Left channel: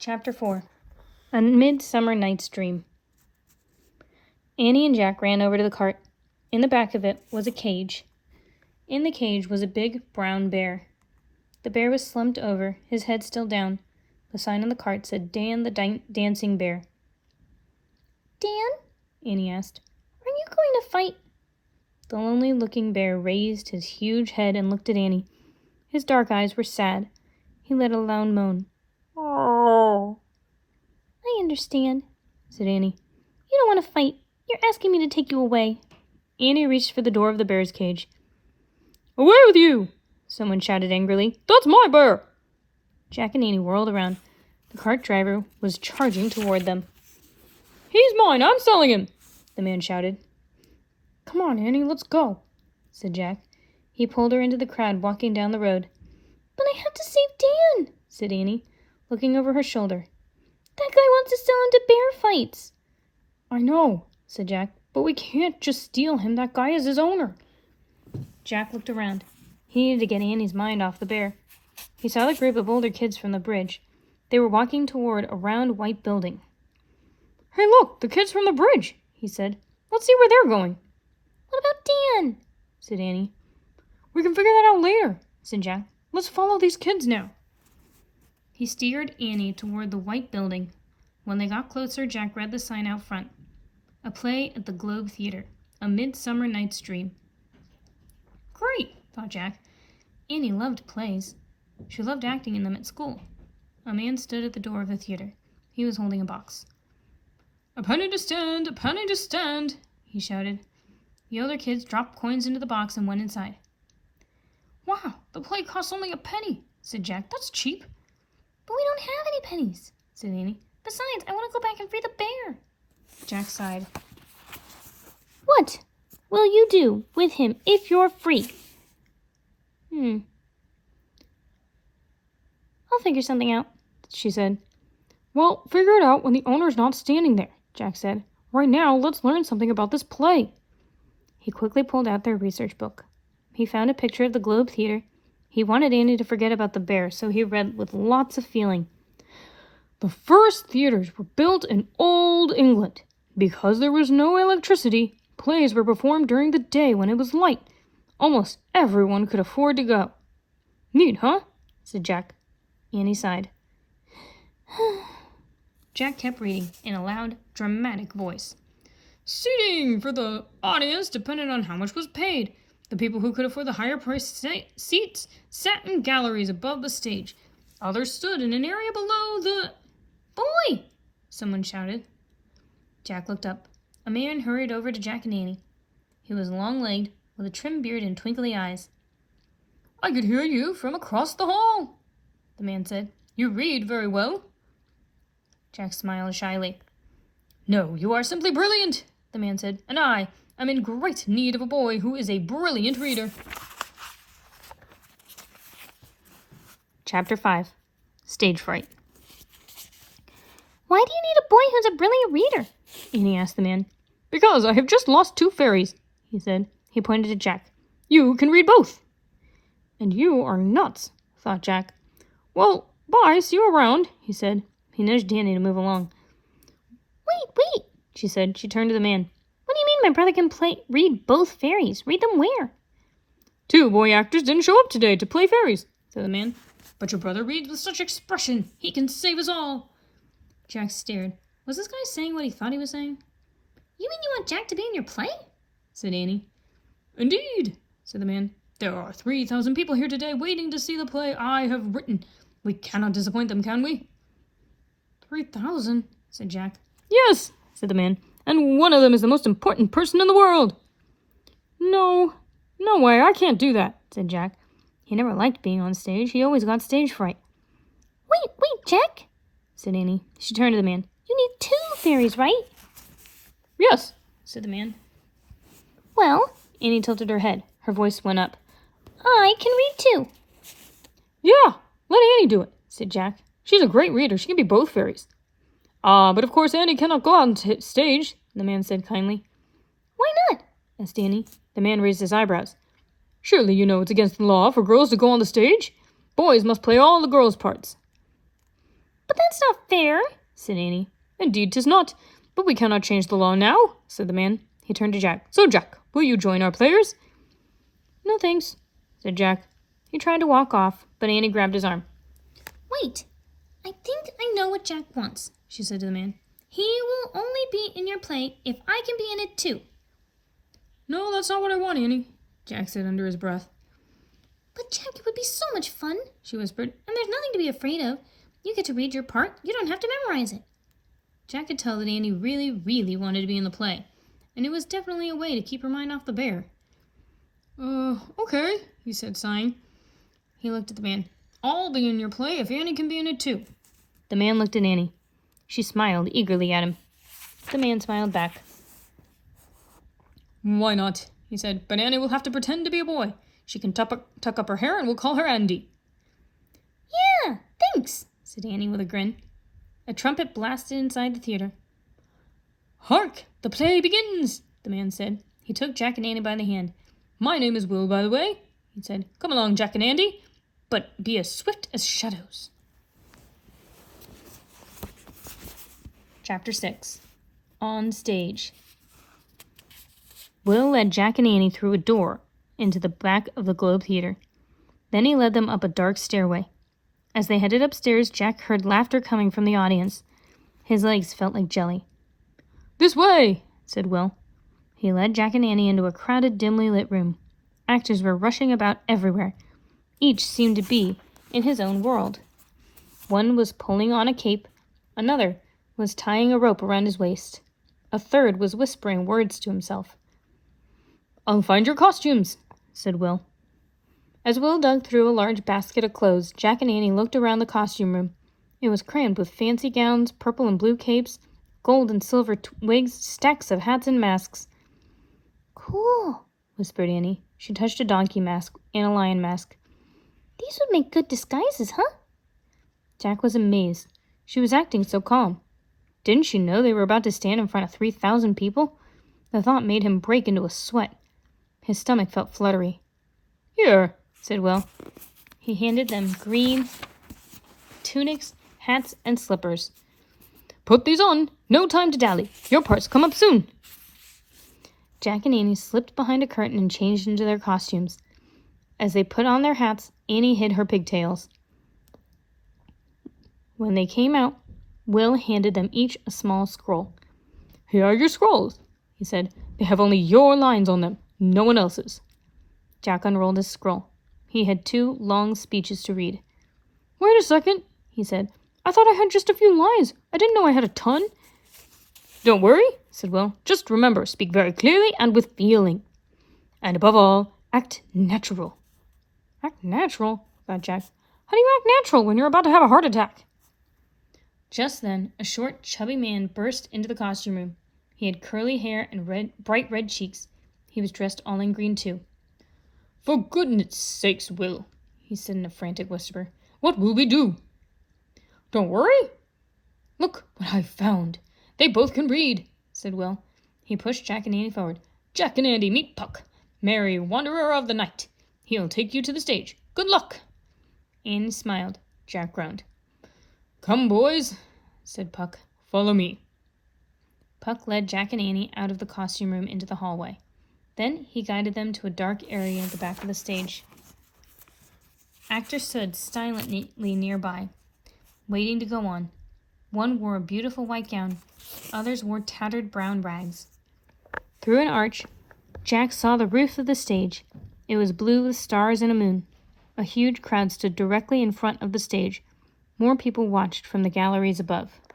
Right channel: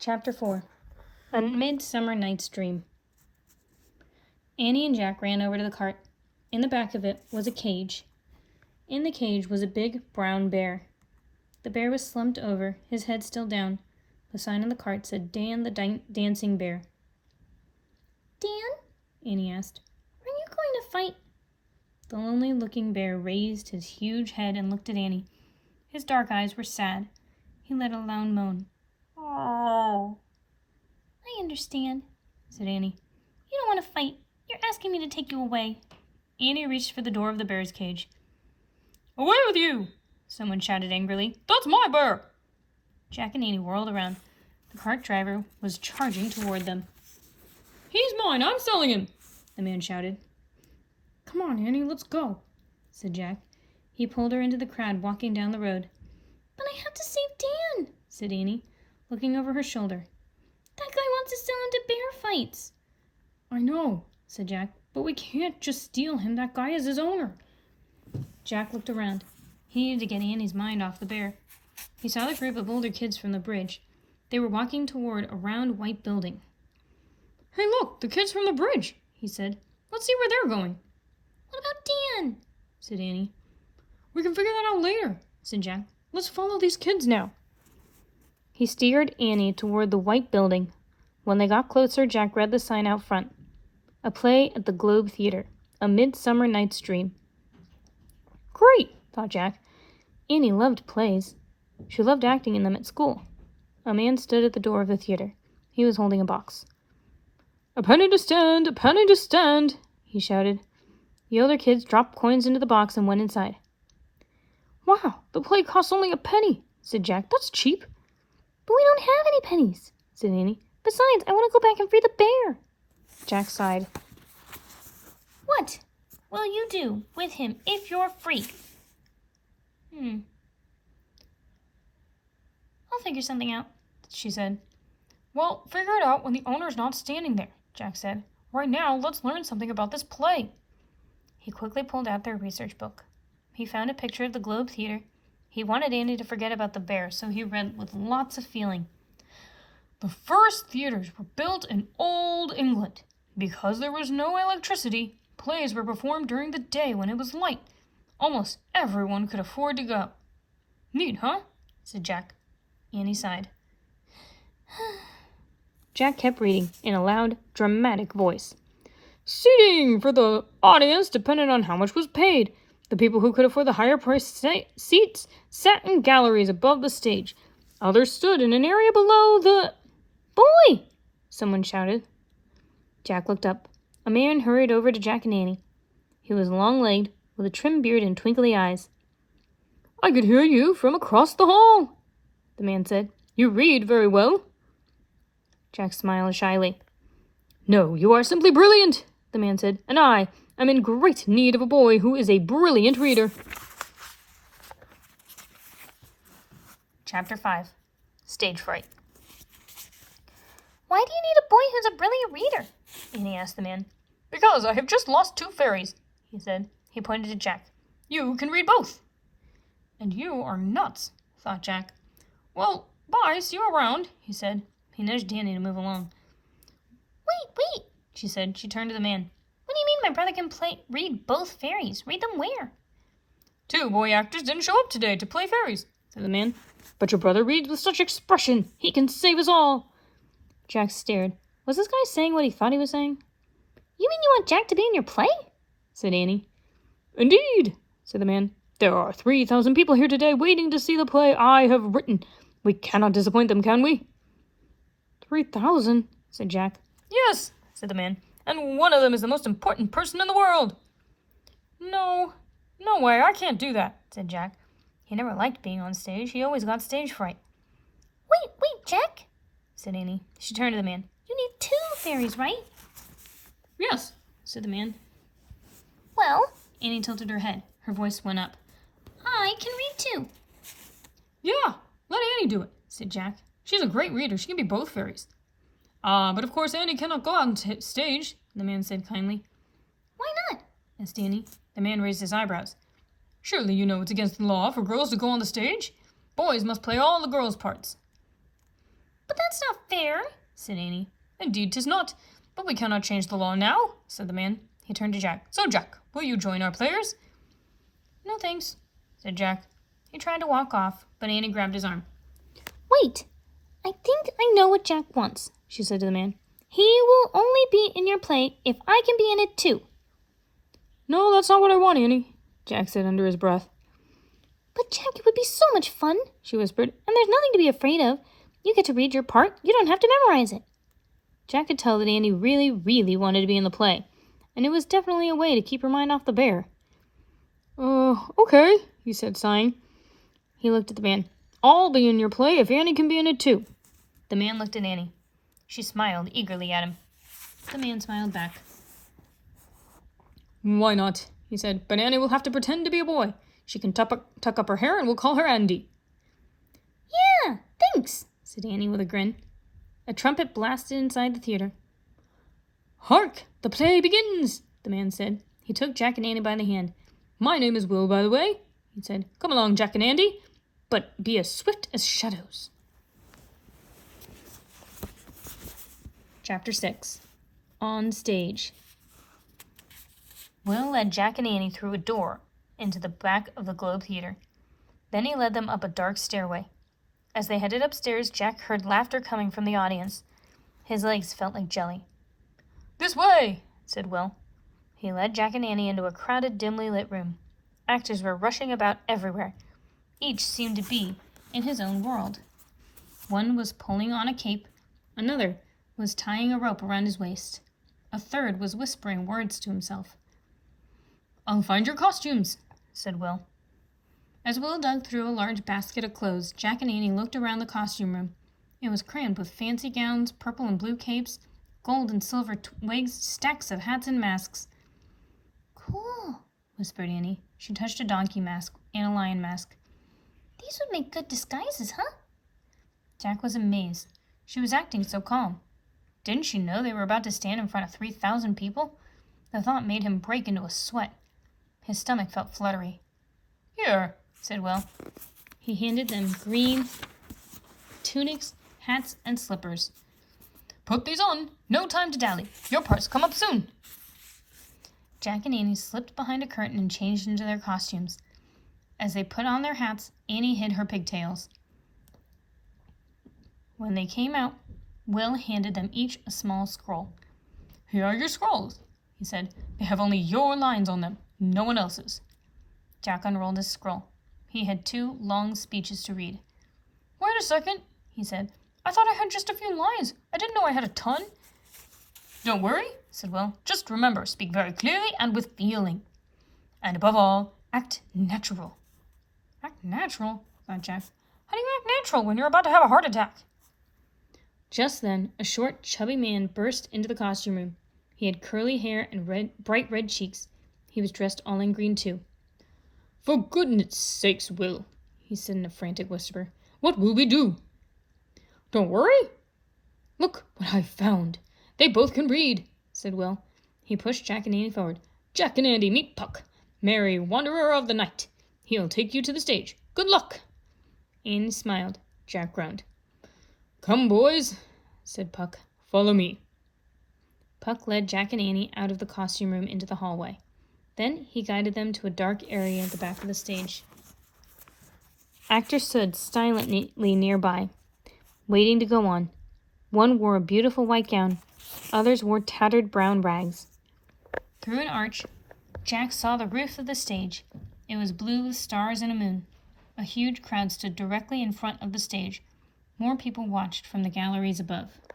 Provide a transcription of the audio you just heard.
Chapter 4. A Midsummer Night's Dream. Annie and Jack ran over to the cart. In the back of it was a cage. In the cage was a big brown bear. The bear was slumped over, his head still down. The sign on the cart said, Dan the Dancing Bear. Dan? Annie asked. Are you going to fight? The lonely-looking bear raised his huge head and looked at Annie. His dark eyes were sad. He let a loud moan. Oh. I understand, said Annie. You don't want to fight. You're asking me to take you away. Annie reached for the door of the bear's cage. Away with you! Someone shouted angrily. That's my bear! Jack and Annie whirled around. The cart driver was charging toward them. He's mine! I'm selling him! The man shouted. Come on, Annie, let's go, said Jack. He pulled her into the crowd walking down the road. But I have to save Dan, said Annie, looking over her shoulder. That guy wants to sell him to bear fights. I know, said Jack, but we can't just steal him. That guy is his owner. Jack looked around. He needed to get Annie's mind off the bear. He saw the group of older kids from the bridge. They were walking toward a round white building. Hey, look, the kids from the bridge, he said. Let's see where they're going. What about Dan? Said Annie. We can figure that out later, said Jack. Let's follow these kids now. He steered Annie toward the white building. When they got closer, Jack read the sign out front. A play at the Globe Theater. A Midsummer Night's Dream. Great, thought Jack. Annie loved plays. She loved acting in them at school. A man stood at the door of the theater. He was holding a box. A penny to stand, he shouted. The older kids dropped coins into the box and went inside. Wow, the play costs only a penny, said Jack. That's cheap. But we don't have any pennies, said Annie. Besides, I want to go back and free the bear. Jack sighed. What will you do with him if you're free? I'll figure something out, she said. Well, figure it out when the owner's not standing there, Jack said. Right now, let's learn something about this play. He quickly pulled out their research book. He found a picture of the Globe Theater. He wanted Annie to forget about the bear, so he read with lots of feeling. The first theaters were built in old England. Because there was no electricity, plays were performed during the day when it was light. Almost everyone could afford to go. Neat, huh? Said Jack. Annie sighed. Jack kept reading in a loud, dramatic voice. Seating for the audience depended on how much was paid. The people who could afford the higher-priced seats sat in galleries above the stage. Others stood in an area below the... Boy! Someone shouted. Jack looked up. A man hurried over to Jack and Annie. He was long-legged, with a trim beard and twinkly eyes. I could hear you from across the hall, the man said. You read very well. Jack smiled shyly. No, you are simply brilliant, the man said, and I am in great need of a boy who is a brilliant reader. Chapter 5. Stage Fright. Why do you need a boy who's a brilliant reader? Annie asked the man. Because I have just lost 2 fairies, he said. He pointed to Jack. You can read both. And you are nuts, thought Jack. Well, bye, see you around, he said. He nudged Annie to move along. Wait, she said. She turned to the man. What do you mean my brother can read both fairies? Read them where? 2 boy actors didn't show up today to play fairies, said the man. But your brother reads with such expression. He can save us all. Jack stared. Was this guy saying what he thought he was saying? You mean you want Jack to be in your play? Said Annie. Indeed, said the man. There are 3,000 people here today waiting to see the play I have written. We cannot disappoint them, can we? 3,000, said Jack. Yes, said the man. And one of them is the most important person in the world. No way, I can't do that, said Jack. He never liked being on stage. He always got stage fright. Wait, Jack, said Annie. She turned to the man. You need 2 fairies, right? Yes, said the man. Well, Annie tilted her head. Her voice went up. I can read too. Yeah, let Annie do it, said Jack. She's a great reader. She can be both fairies. But of course Annie cannot go on stage, the man said kindly. Why not? Asked Annie. The man raised his eyebrows. Surely you know it's against the law for girls to go on the stage. Boys must play all the girls' parts. But that's not fair, said Annie. Indeed 'tis not, but we cannot change the law now, said the man. He turned to Jack. So, Jack, will you join our players? No thanks, said Jack. He tried to walk off, but Annie grabbed his arm. Wait, I think I know what Jack wants, she said to the man. He will only be in your play if I can be in it too. No, that's not what I want, Annie, Jack said under his breath. But Jack, it would be so much fun, she whispered, and there's nothing to be afraid of. You get to read your part. You don't have to memorize it. Jack could tell that Annie really, really wanted to be in the play, and it was definitely a way to keep her mind off the bear. Okay, he said, sighing. He looked at the man. I'll be in your play if Annie can be in it too. The man looked at Annie. She smiled eagerly at him. The man smiled back. Why not? He said, but Annie will have to pretend to be a boy. She can tuck up her hair and we'll call her Andy. Yeah, thanks, said Annie with a grin. A trumpet blasted inside the theater. Hark! The play begins, the man said. He took Jack and Annie by the hand. My name is Will, by the way, he said. Come along, Jack and Andy, but be as swift as shadows. Chapter 6. On Stage. Will led Jack and Annie through a door into the back of the Globe Theater. Then he led them up a dark stairway. As they headed upstairs, Jack heard laughter coming from the audience. His legs felt like jelly. This way, said Will. He led Jack and Annie into a crowded, dimly lit room. Actors were rushing about everywhere. Each seemed to be in his own world. One was pulling on a cape. Another was tying a rope around his waist. A third was whispering words to himself. I'll find your costumes, said Will. As Will dug through a large basket of clothes, Jack and Annie looked around the costume room. It was crammed with fancy gowns, purple and blue capes, gold and silver wigs, stacks of hats and masks. Cool, whispered Annie. She touched a donkey mask and a lion mask. These would make good disguises, huh? Jack was amazed. She was acting so calm. Didn't she know they were about to stand in front of 3,000 people? The thought made him break into a sweat. His stomach felt fluttery. Here, said Will. He handed them green tunics, hats, and slippers. Put these on. No time to dally. Your parts come up soon. Jack and Annie slipped behind a curtain and changed into their costumes. As they put on their hats, Annie hid her pigtails. When they came out, Will handed them each a small scroll. Here are your scrolls, he said. They have only your lines on them, no one else's. Jack unrolled his scroll. He had 2 long speeches to read. Wait a second, he said. I thought I had just a few lines. I didn't know I had a ton. Don't worry, said Will. Just remember, speak very clearly and with feeling. And above all, act natural. Act natural? Thought Jack. How do you act natural when you're about to have a heart attack? Just then, a short, chubby man burst into the costume room. He had curly hair and bright red cheeks. He was dressed all in green, too. For goodness sakes, Will, he said in a frantic whisper. What will we do? Don't worry. Look what I've found. They both can read, said Will. He pushed Jack and Annie forward. Jack and Andy, meet Puck, merry wanderer of the night. He'll take you to the stage. Good luck. Annie smiled. Jack groaned. Come, boys, said Puck. Follow me. Puck led Jack and Annie out of the costume room into the hallway. Then he guided them to a dark area at the back of the stage. Actors stood silently nearby, waiting to go on. One wore a beautiful white gown. Others wore tattered brown rags. Through an arch, Jack saw the roof of the stage. It was blue with stars and a moon. A huge crowd stood directly in front of the stage. More people watched from the galleries above.